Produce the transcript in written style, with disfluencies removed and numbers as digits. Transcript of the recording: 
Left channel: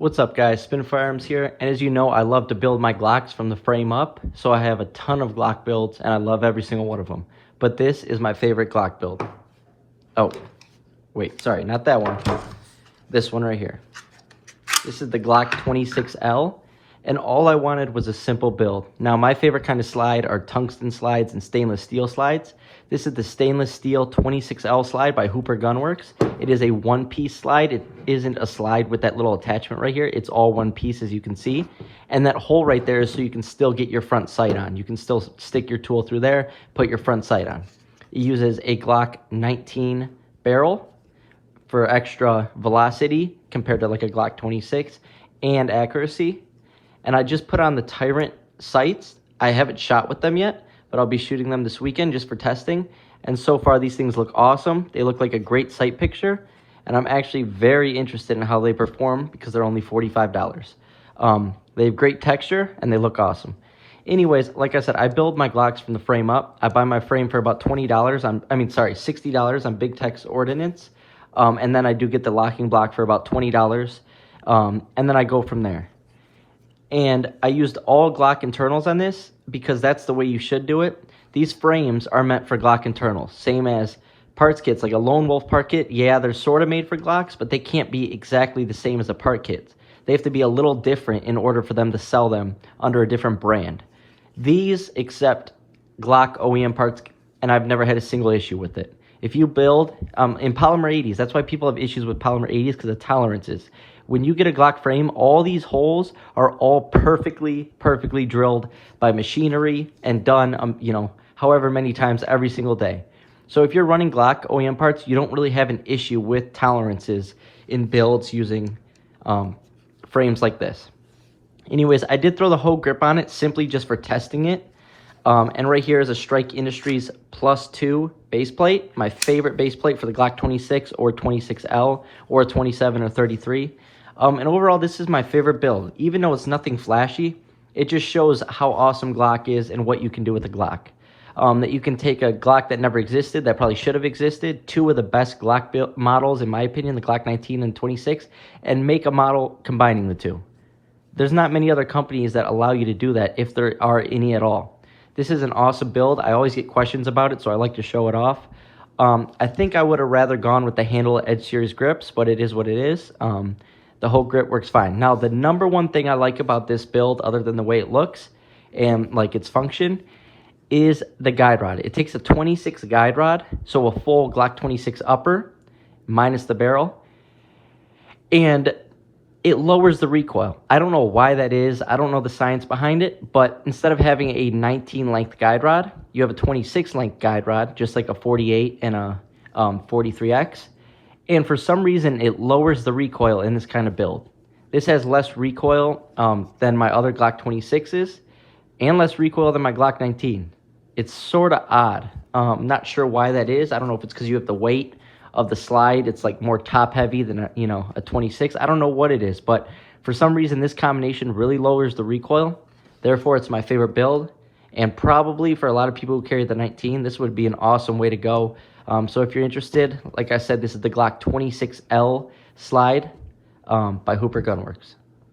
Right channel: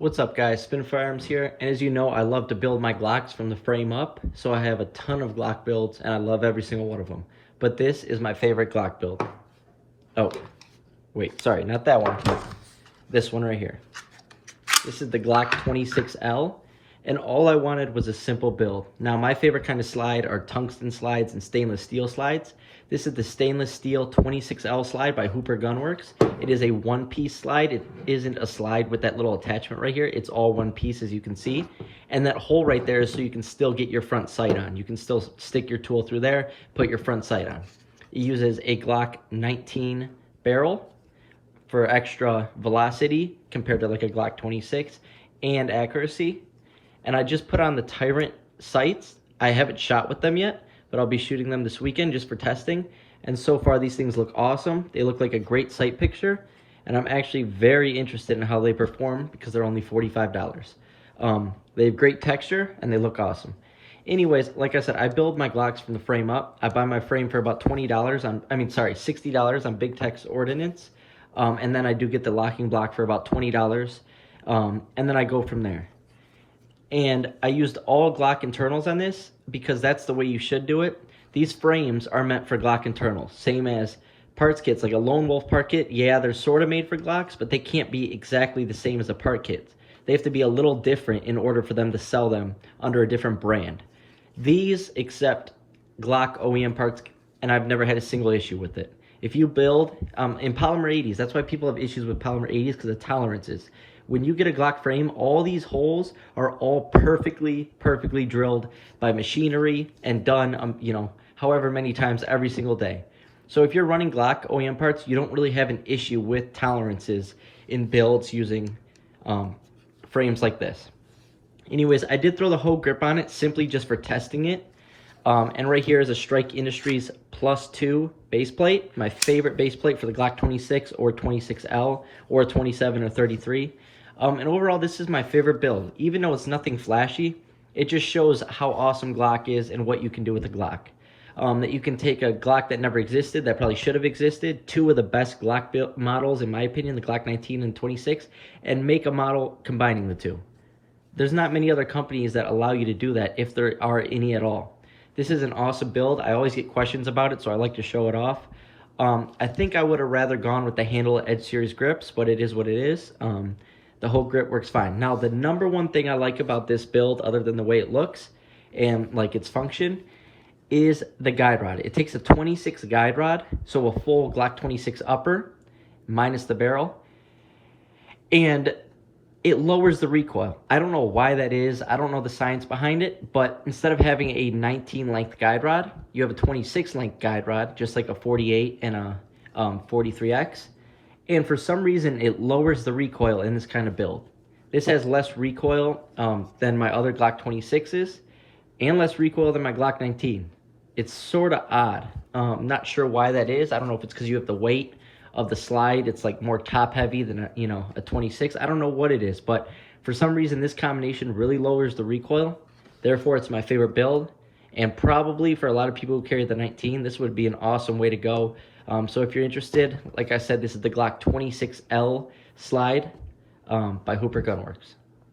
What's up, guys? Spin Firearms here, and as you know, I love to build my Glocks from the frame up, so I have a ton of Glock builds, and I love every single one of them. But this is my favorite Glock build. Oh, wait, sorry, not that one. This one right here. This is the Glock 26L, and all I wanted was a simple build. Now, my favorite kind of slide are tungsten slides and stainless steel slides. This is the stainless steel 26L slide by Hooper Gunworks. It is a one-piece slide. It isn't a slide with that little attachment right here. It's all one piece, as you can see. And that hole right there is so you can still get your front sight on. You can still stick your tool through there, put your front sight on. It uses a Glock 19 barrel for extra velocity compared to like a Glock 26 and accuracy. And I just put on the Tyrant sights. I haven't shot with them yet, but I'll be shooting them this weekend just for testing. And so far, these things look awesome. They look like a great sight picture, and I'm actually very interested in how they perform because they're only $45. They have great texture, and they look awesome. Anyways, like I said, I build my Glocks from the frame up. I buy my frame for about $60 on Big Tex Ordnance. And then I do get the locking block for about $20. And then I go from there. And I used all Glock internals on this because that's the way you should do it. These frames are meant for Glock internals, same as parts kits, like a Lone Wolf part kit. Yeah, they're sort of made for Glocks, but they can't be exactly the same as a part kit. They have to be a little different in order for them to sell them under a different brand. These accept Glock OEM parts, and I've never had a single issue with it. If you build in polymer 80s, that's why people have issues with polymer 80s, because of tolerances. When you get a Glock frame, all these holes are all perfectly drilled by machinery and done, however many times every single day. So if you're running Glock OEM parts, you don't really have an issue with tolerances in builds using frames like this. Anyways, I did throw the whole grip on it simply just for testing it. And right here is a Strike Industries +2 base plate, my favorite base plate for the Glock 26 or 26L or 27 or 33. And overall, this is my favorite build. Even though it's nothing flashy, it just shows how awesome Glock is and what you can do with a Glock. That you can take a Glock that never existed, that probably should have existed, two of the best Glock models, in my opinion, the Glock 19 and 26, and make a model combining the two. There's not many other companies that allow you to do that, if there are any at all. This is an awesome build. I always get questions about it, so I like to show it off. I think I would have rather gone with the Handle Edge Series grips, but it is what it is. The whole grip works fine. Now, the number one thing I like about this build, other than the way it looks and like its function, is the guide rod. It takes a 26 guide rod, so a full Glock 26 upper, minus the barrel, and it lowers the recoil. I don't know why that is. I don't know the science behind it, but instead of having a 19 length guide rod, you have a 26 length guide rod, just like a 48 and a 43X. And for some reason, it lowers the recoil in this kind of build. This has less recoil than my other Glock 26s and less recoil than my Glock 19. It's sort of odd. I'm not sure why that is. I don't know if it's because you have the weight of the slide. It's like more top heavy than a 26. I don't know what it is, but for some reason, this combination really lowers the recoil. Therefore, it's my favorite build. And probably for a lot of people who carry the 19, this would be an awesome way to go. So if you're interested, like I said, this is the Glock 26L slide by Hooper Gunworks.